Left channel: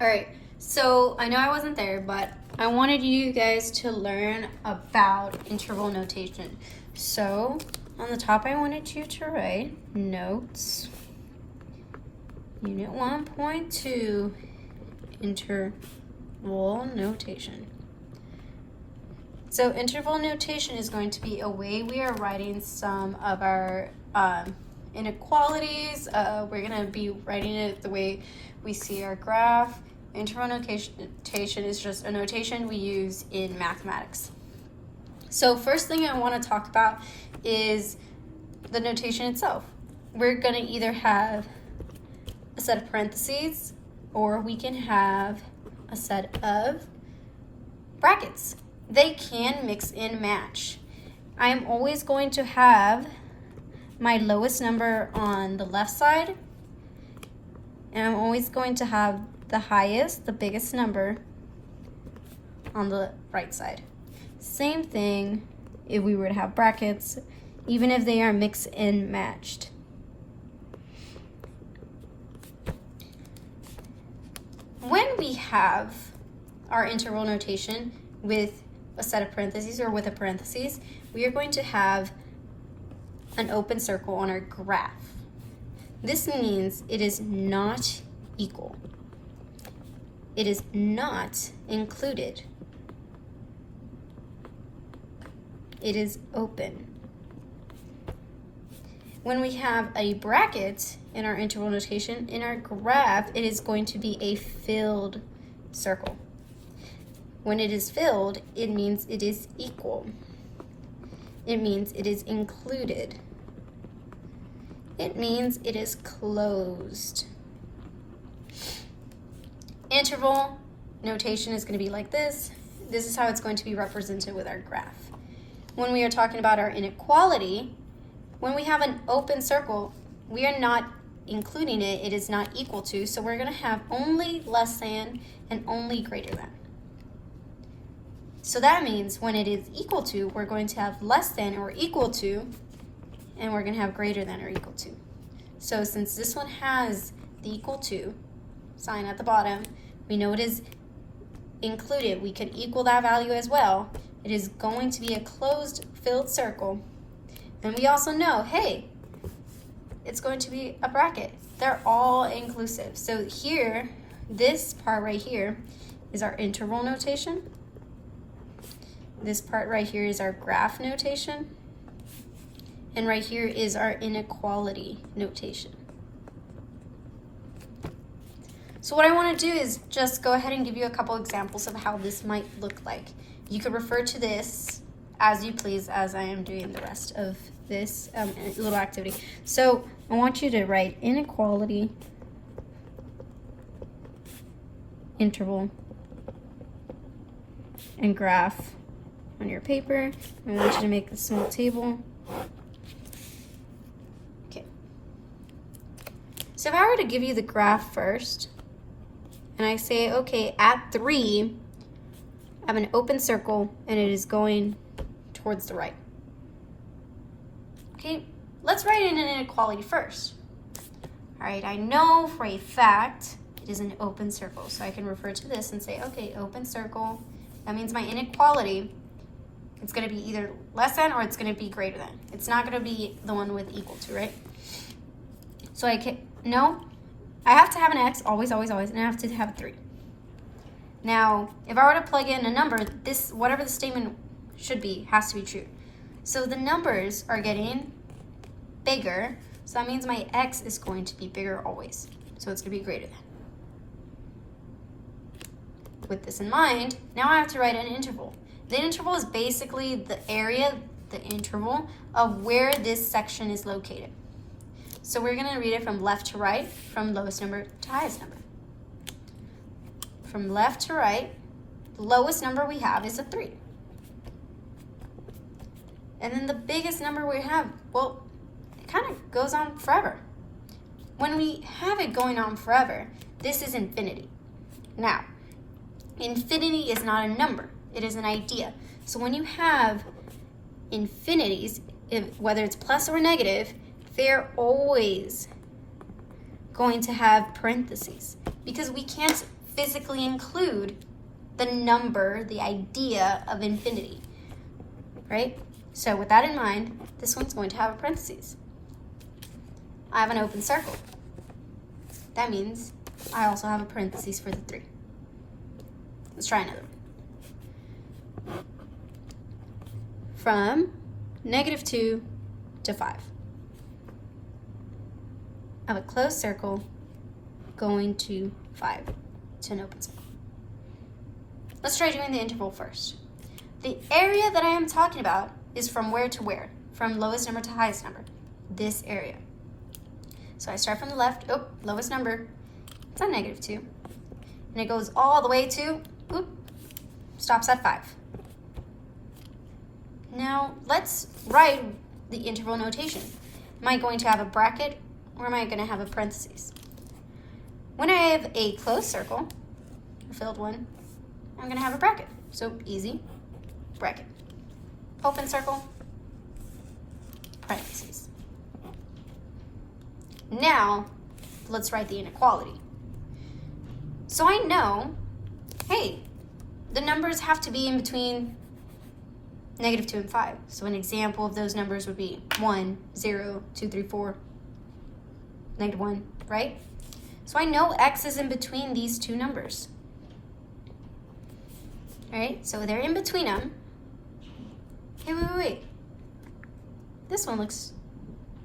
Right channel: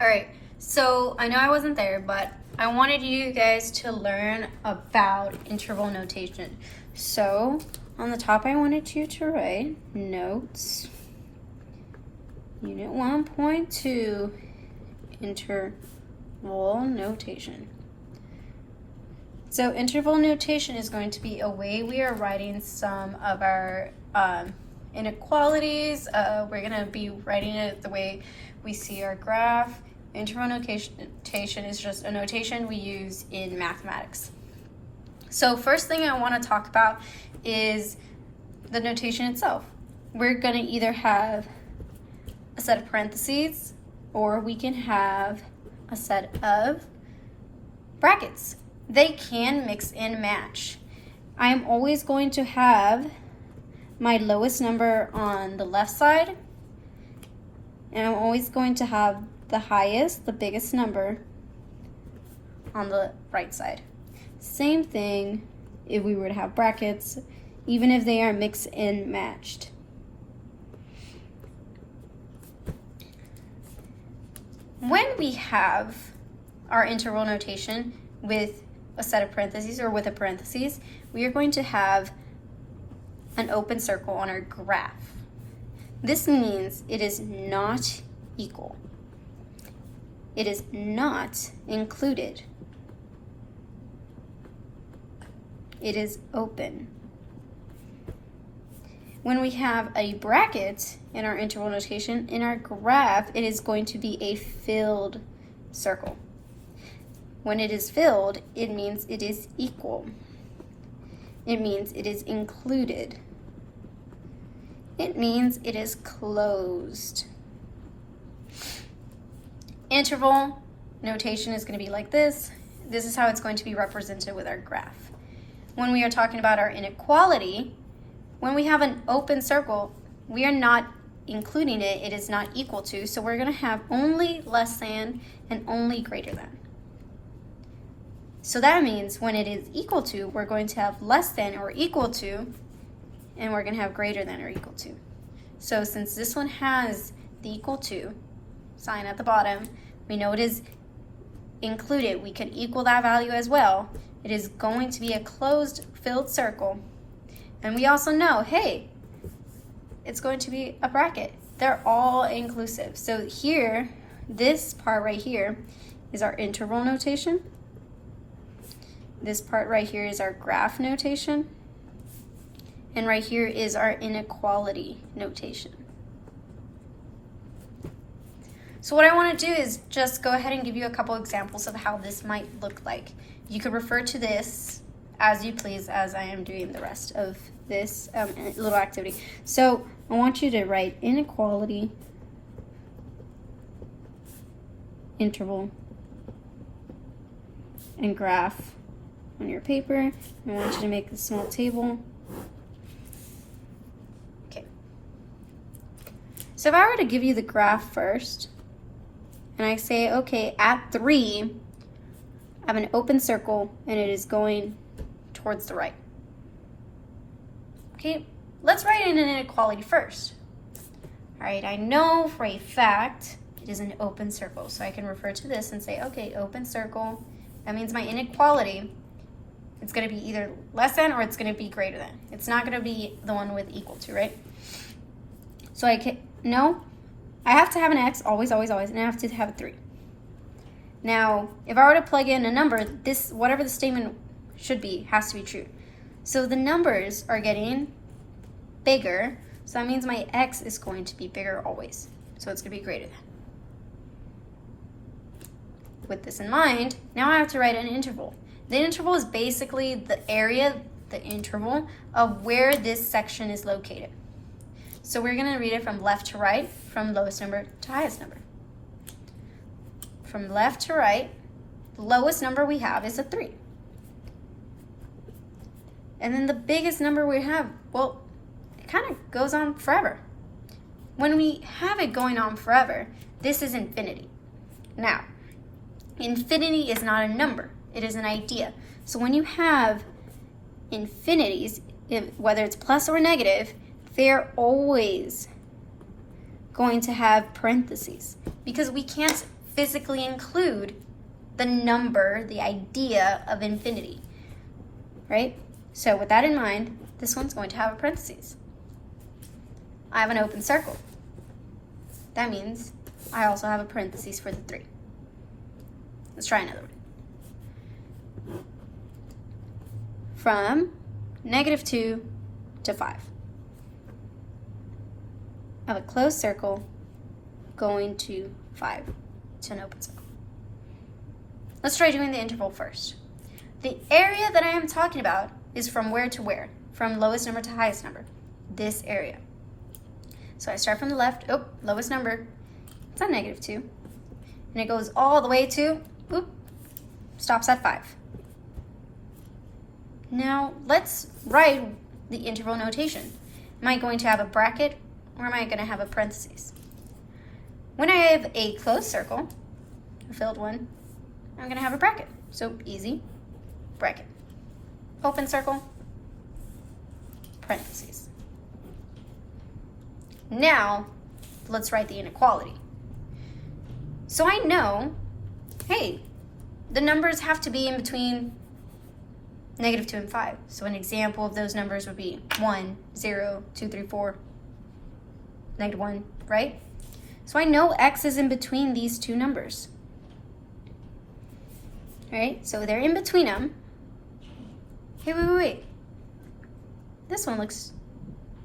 All right, so I know I wasn't there, but I wanted you guys to learn about interval notation. So on the top, I wanted you to write notes, unit 1.2, interval notation. So interval notation is going to be a way we are writing some of our inequalities. We're going to be writing it the way we see our graph. Interval notation is just a notation we use in mathematics. So first thing I want to talk about is the notation itself. We're going to either have a set of parentheses or we can have a set of brackets. They can mix and match. I'm always going to have my lowest number on the left side, and I'm always going to have the highest, the biggest number on the right side. Same thing if we were to have brackets, even if they are mixed and matched. When we have our interval notation with a set of parentheses or with a parentheses, we are going to have an open circle on our graph. This means it is not equal. It is not included. It is open. When we have a bracket in our interval notation, in our graph, it is going to be a filled circle. When it is filled, it means it is equal. It means it is included. It means it is closed. Interval notation is going to be like this. This is how it's going to be represented with our graph. When we are talking about our inequality, when we have an open circle, we are not including it. It is not equal to. So we're going to have only less than and only greater than. So that means when it is equal to, we're going to have less than or equal to, and we're going to have greater than or equal to. So since this one has the equal to sign at the bottom, we know it is included. We could equal that value as well. It is going to be a closed filled circle. And we also know, hey, it's going to be a bracket. They're all inclusive. So here, this part right here is our interval notation. This part right here is our graph notation. And right here is our inequality notation. So what I want to do is just go ahead and give you a couple examples of how this might look like. You could refer to this as you please as I am doing the rest of this little activity. So I want you to write inequality, interval, and graph on your paper. I want you to make a small table. Okay. So if I were to give you the graph first, and I say, okay, at 3, I have an open circle and it is going towards the right. Okay, let's write in an inequality first. All right, I know for a fact it is an open circle, so I can refer to this and say, okay, open circle, that means my inequality, it's going to be either less than or it's going to be greater than. It's not going to be the one with equal to, right? So I can, no, I have to have an x, always, always, always, and I have to have a 3. Now, if I were to plug in a number, this, whatever the statement should be, has to be true. So the numbers are getting bigger, so that means my x is going to be bigger always. So it's going to be greater than. With this in mind, now I have to write an interval. The interval is basically the area, the interval, of where this section is located. So we're going to read it from left to right, from lowest number to highest number. From left to right, the lowest number we have is a 3. And then the biggest number we have, well, it kind of goes on forever. When we have it going on forever, this is infinity. Now, infinity is not a number, it is an idea. So when you have infinities, whether it's plus or negative, they're always going to have parentheses because we can't physically include the number, the idea of infinity, right? So with that in mind, this one's going to have a parentheses. I have an open circle. That means I also have a parentheses for the 3. Let's try another one. From -2 to 5. I have a closed circle going to 5 to an open circle. Let's try doing the interval first. The area that I am talking about is from where to where? From lowest number to highest number. This area. So I start from the left, lowest number, it's at -2. And it goes all the way to, stops at 5. Now let's write the interval notation. Am I going to have a bracket or am I going to have a parentheses? When I have a closed circle, a filled one, I'm going to have a bracket. So easy, bracket. Open circle, parentheses. Now, let's write the inequality. So I know, hey, the numbers have to be in between -2 and 5. So an example of those numbers would be 1, 0, 2, 3, 4, -1, right? So I know x is in between these two numbers. All right, so they're in between them. Hey, wait. This one looks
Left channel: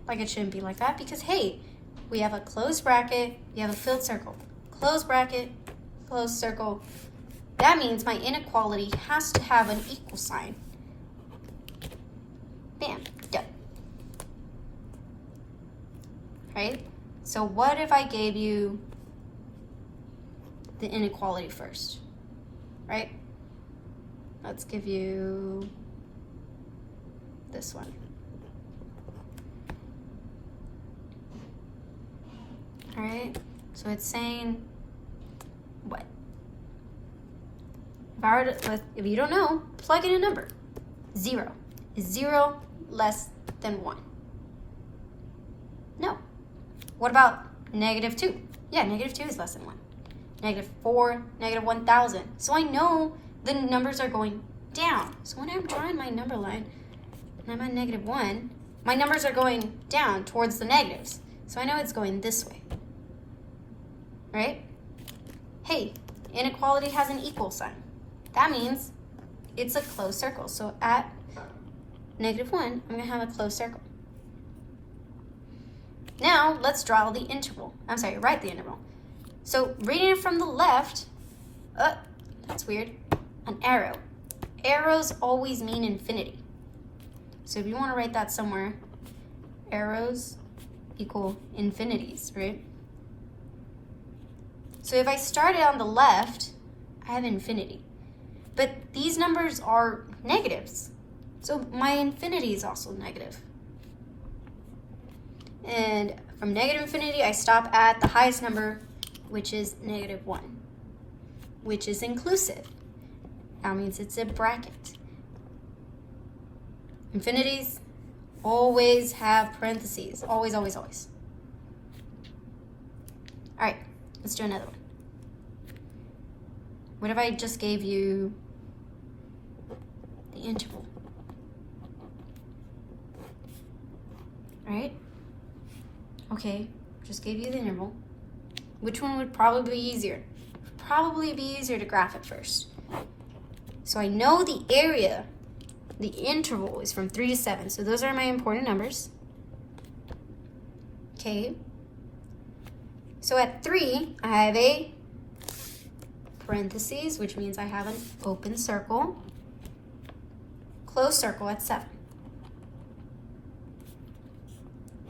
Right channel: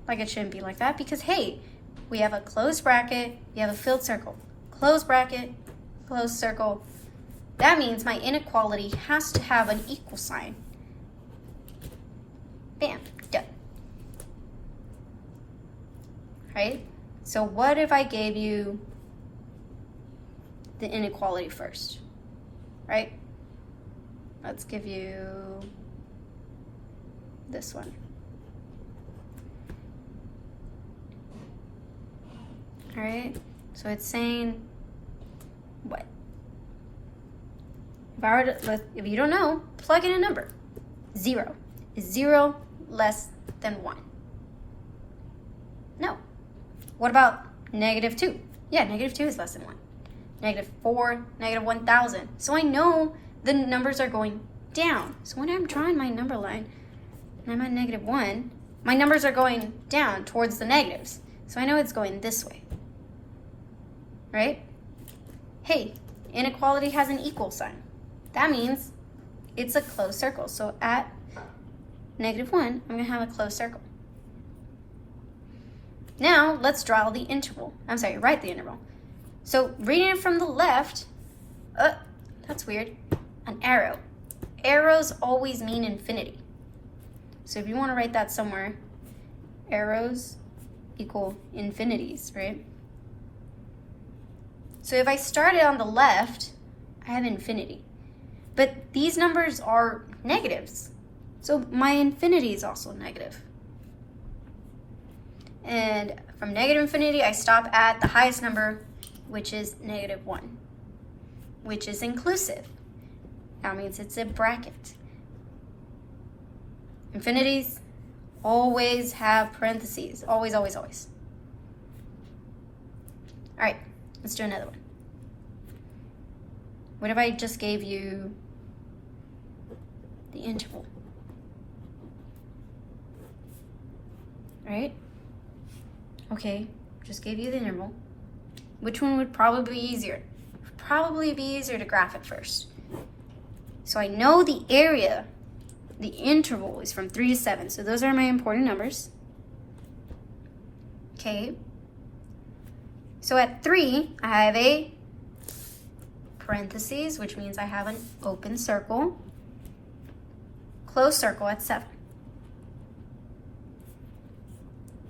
like it shouldn't be like that because, hey, we have a closed bracket, we have a filled circle. Closed bracket, closed circle. That means my inequality has to have an equal sign. Bam, done. Right? So what if I gave you the inequality first? Right? Let's give you this one. All right, so it's saying what? If you don't know, plug in a number. 0. Is 0 less than 1? No. What about -2? Yeah, -2 is less than 1. -4, -1,000. So I know the numbers are going down. So when I'm drawing my number line and I'm at -1, my numbers are going down towards the negatives. So I know it's going this way. Right? Hey, inequality has an equal sign. That means it's a closed circle. So at -1, I'm going to have a closed circle. Now, let's draw the interval. Write the interval. So, reading it from the left, that's weird, an arrow. Arrows always mean infinity. So if you want to write that somewhere, arrows equal infinities, right? So if I started on the left, I have infinity. But these numbers are negatives. So my infinity is also negative. And from -infinity, I stop at the highest number, which is -1, which is inclusive. That means it's a bracket. Infinities always have parentheses. Always, always, always. All right, let's do another one. What if I just gave you the interval? All right? Okay, just gave you the interval. Which one would probably be easier? Probably be easier to graph it first. So I know the area, the interval is from 3 to 7. So those are my important numbers. Okay. So at 3, I have a parentheses, which means I have an open circle, closed circle at 7.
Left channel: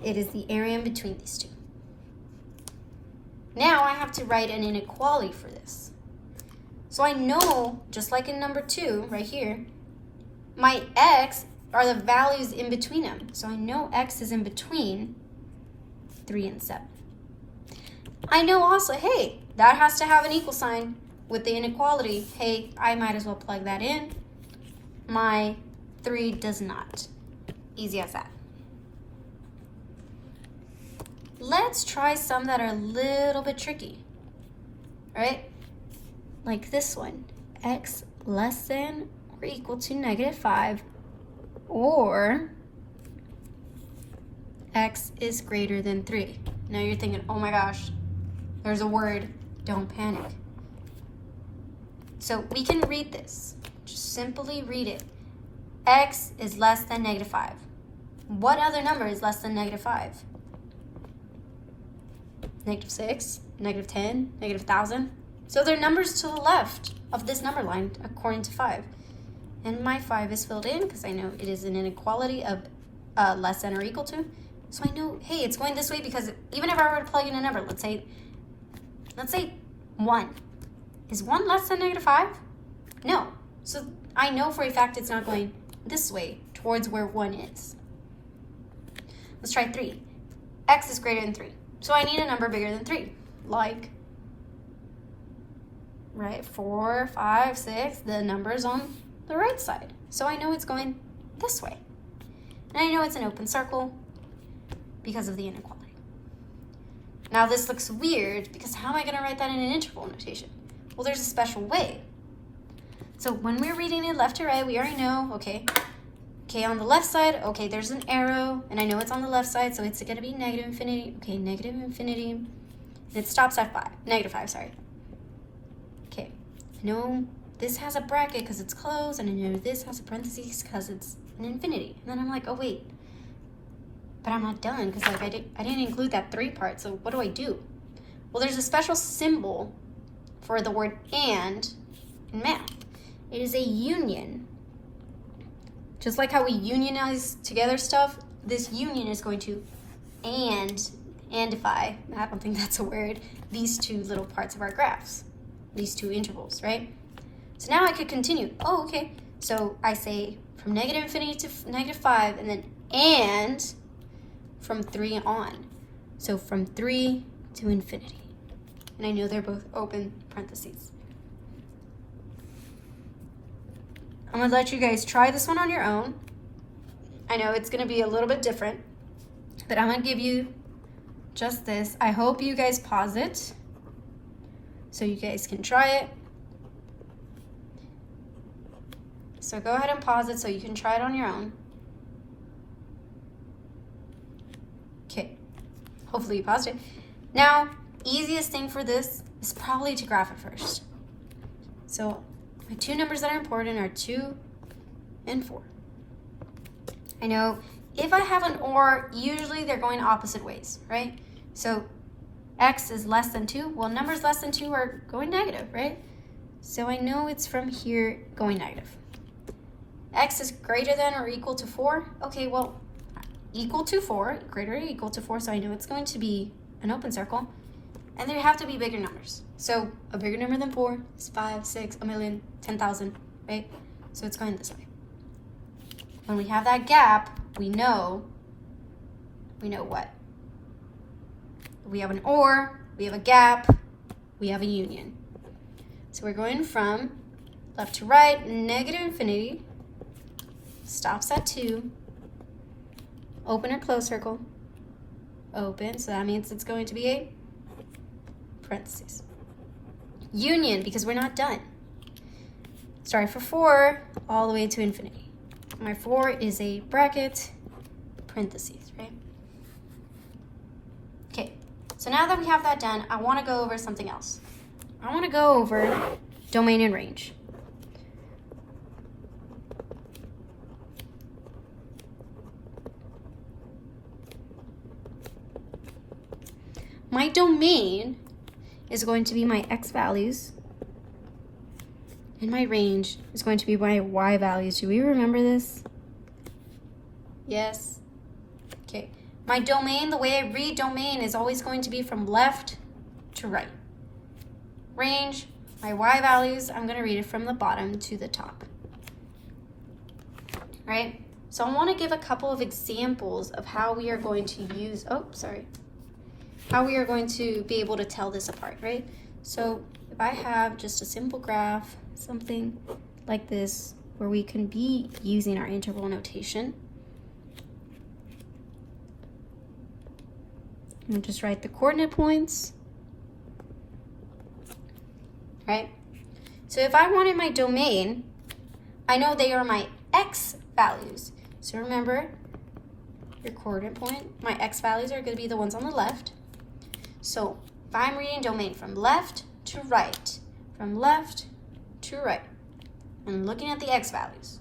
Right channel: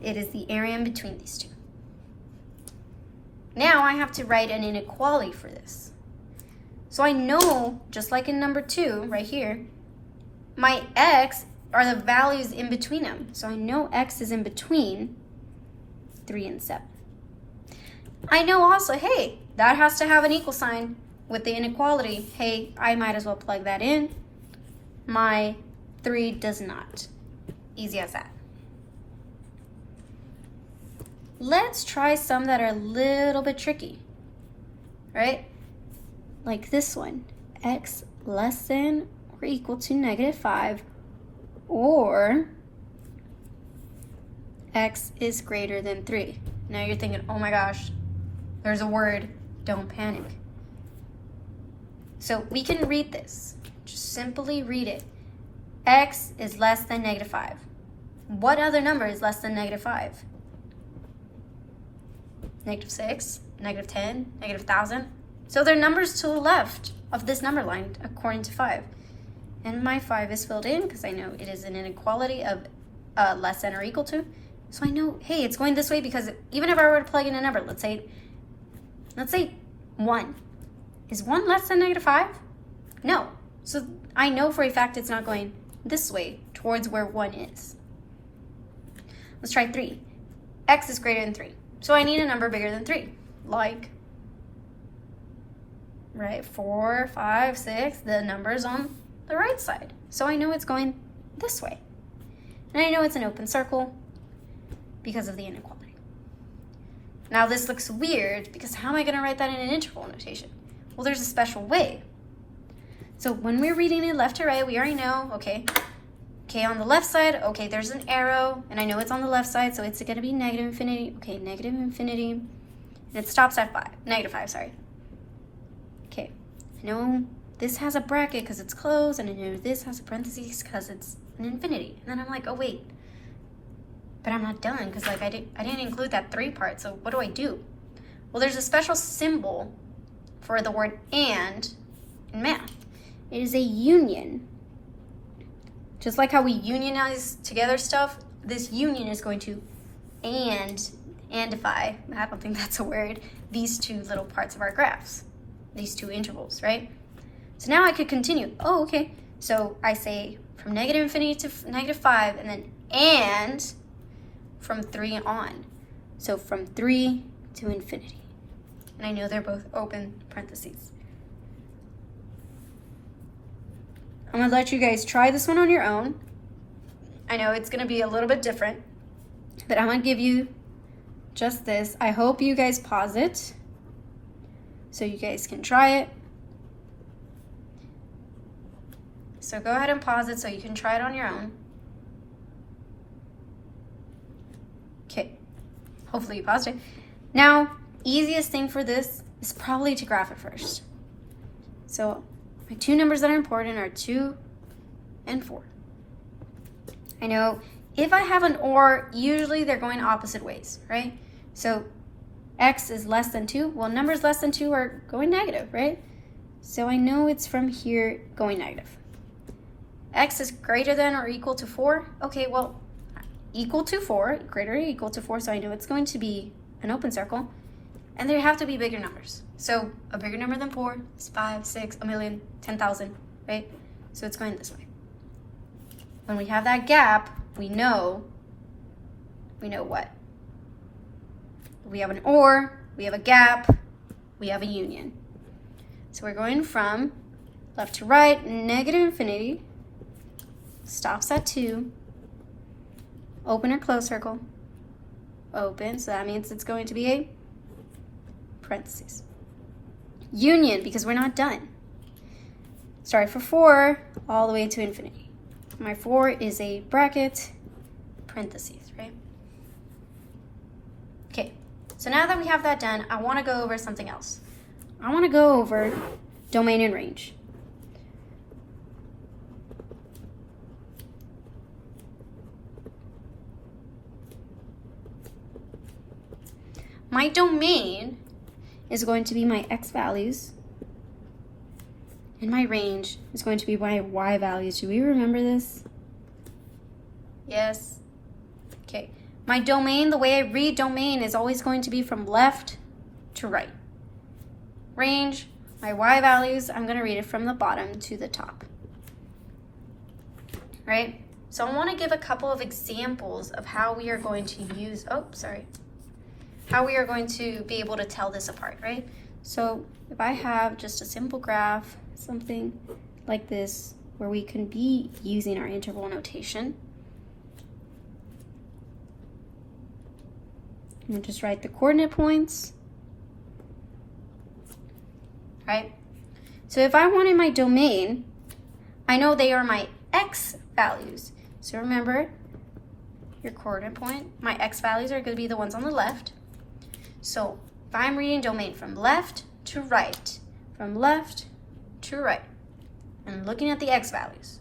It is the area in between these two. Now I have to write an inequality for this. So I know, just like in number 2, right here, my x are the values in between them. So I know x is in between 3 and 7. I know also, hey, that has to have an equal sign with the inequality. Hey, I might as well plug that in. My 3 does not. Easy as that. Let's try some that are a little bit tricky, right? like this one, x less than or equal to -5, or x is greater than 3. Now you're thinking, oh my gosh, there's a word, don't panic. So we can read this, just simply read it. X is less than -5. What other number is less than -5? -6, -10, -1,000. So they're numbers to the left of this number line according to 5. And my 5 is filled in because I know it is an inequality of less than or equal to. So I know, hey, it's going this way because even if I were to plug in a number, let's say 1. Is 1 less than -5? No. So I know for a fact it's not going this way towards where 1 is. Let's try 3. X is greater than 3. So I need a number bigger than 3. Like, right, 4, 5, 6, the numbers on the right side. So I know it's going this way. And I know it's an open circle because of the inequality. Now this looks weird because how am I going to write that in an integral notation? Well, there's a special way. So when we're reading it left to right, we already know, okay, on the left side, okay, there's an arrow, and I know it's on the left side, so it's going to be negative infinity. Okay, negative infinity, and it stops at -5, sorry. Okay, I know this has a bracket because it's closed, and I know this has a parentheses because it's an infinity. And then I'm like, oh wait, but I'm not done because like I didn't include that 3 part. So what do I do? Well, there's a special symbol for the word and in math. It is a union. Just like how we unionize together stuff, this union is going to andify, I don't think that's a word, these 2 little parts of our graphs, these 2 intervals, right? So now I could continue. Oh, okay. So I say from negative infinity to -5, and then and from 3 on. So from 3 to infinity. And I know they're both open parentheses. I'm gonna let you guys try this one on your own. I know it's gonna be a little bit different, but I'm gonna give you just this. I hope you guys pause it so you guys can try it. So go ahead and pause it so you can try it on your own. Okay, hopefully you paused it. Now, easiest thing for this is probably to graph it first. So my 2 numbers that are important are 2 and 4. I know if I have an or, usually they're going opposite ways, right? So x is less than 2. Well, numbers less than 2 are going negative, right? So I know it's from here going negative. X is greater than or equal to 4. Okay, well, equal to 4, greater or equal to 4, so I know it's going to be an open circle. And there have to be bigger numbers. So a bigger number than 4 is 5, 6, a million, 10,000, right? So it's going this way. When we have that gap, we know what? We have an or, we have a gap, we have a union. So we're going from left to right, negative infinity, stops at 2, open or close circle, open, so that means it's going to be a parentheses. Union, because we're not done. Started for 4, all the way to infinity. My 4 is a bracket, parentheses, right? Okay, so now that we have that done, I want to go over something else. I want to go over domain and range. My domain is going to be my x values, and my range is going to be my y values. Do we remember this? Yes. Okay. My domain, the way I read domain is always going to be from left to right. Range, my y values, I'm going to read it from the bottom to the top. Right? So I want to give a couple of examples of how we are going to use, how we are going to be able to tell this apart, right? So if I have just a simple graph, something like this, where we can be using our integral notation, I'm gonna just write the coordinate points, right? So if I wanted my domain, I know they are my x values. So remember your coordinate point, my x values are going to be the ones on the left. So if I'm reading domain from left to right, from left to right, and looking at the x values,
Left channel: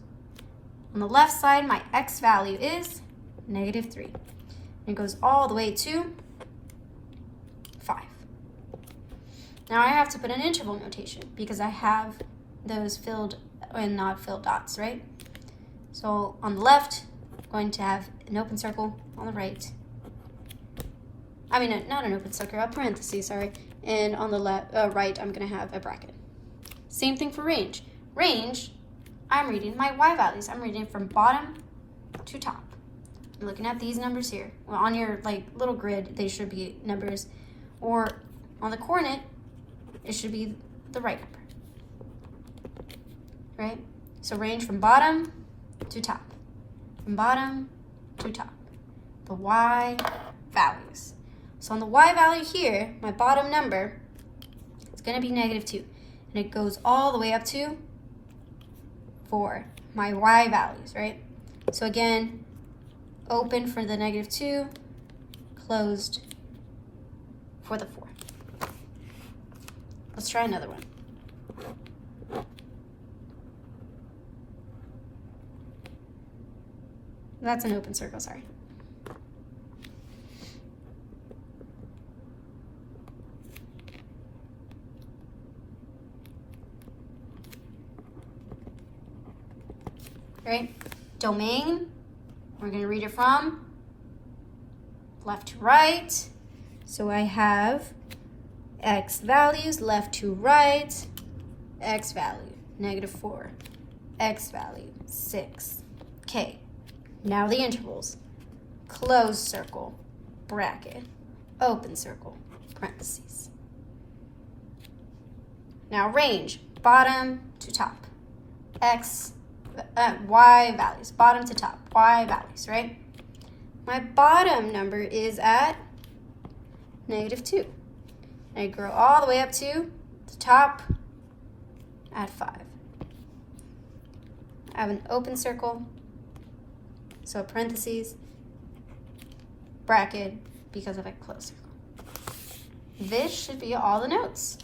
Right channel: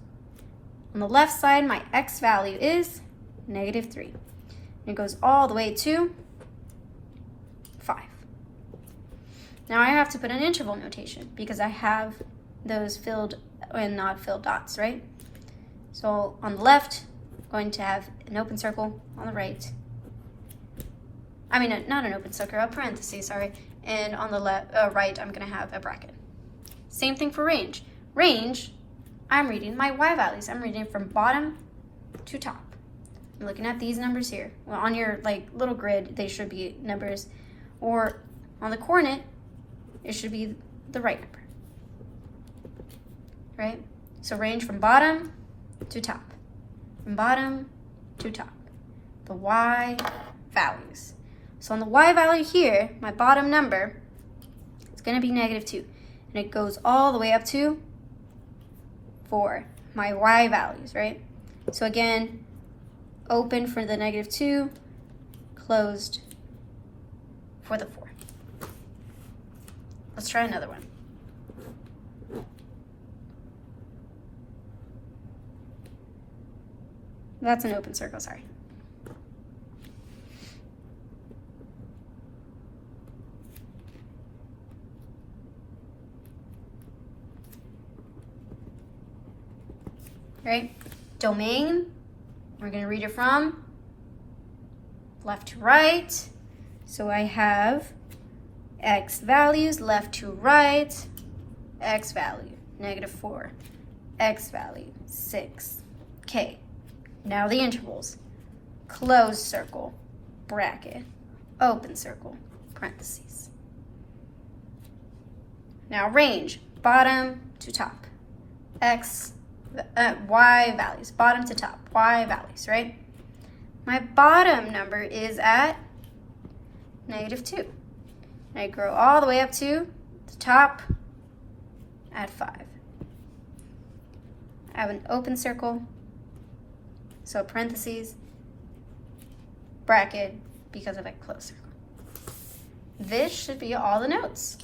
on the left side, my x value is -3. And it goes all the way to 5. Now I have to put an interval notation because I have those filled and not filled dots, right? So on the left, I'm going to have an open circle. On the right, I mean, not an open circle, a parenthesis, sorry. And on the right, I'm going to have a bracket. Same thing for range. Range, I'm reading my y values. I'm reading from bottom to top. I'm looking at these numbers here. Well, on your little grid, they should be numbers. Or on the coordinate, it should be the right number. Right? So range from bottom to top. From bottom to top. The y values. So on the y value here, my bottom number is going to be -2. And it goes all the way up to 4. My y values, right? So again, open for the -2, closed for the 4. Let's try another one. That's an open circle, sorry. Right? Domain, we're going to read it from left to right. So I have x values left to right, x value, -4, x value, 6. Okay, now the intervals. Closed circle, bracket, open circle, parentheses. Now range, bottom to top, y values, bottom to top, y values, right? My bottom number is at -2. And I grow all the way up to the top at 5. I have an open circle, so parentheses, bracket, because of a closed circle. This should be all the notes.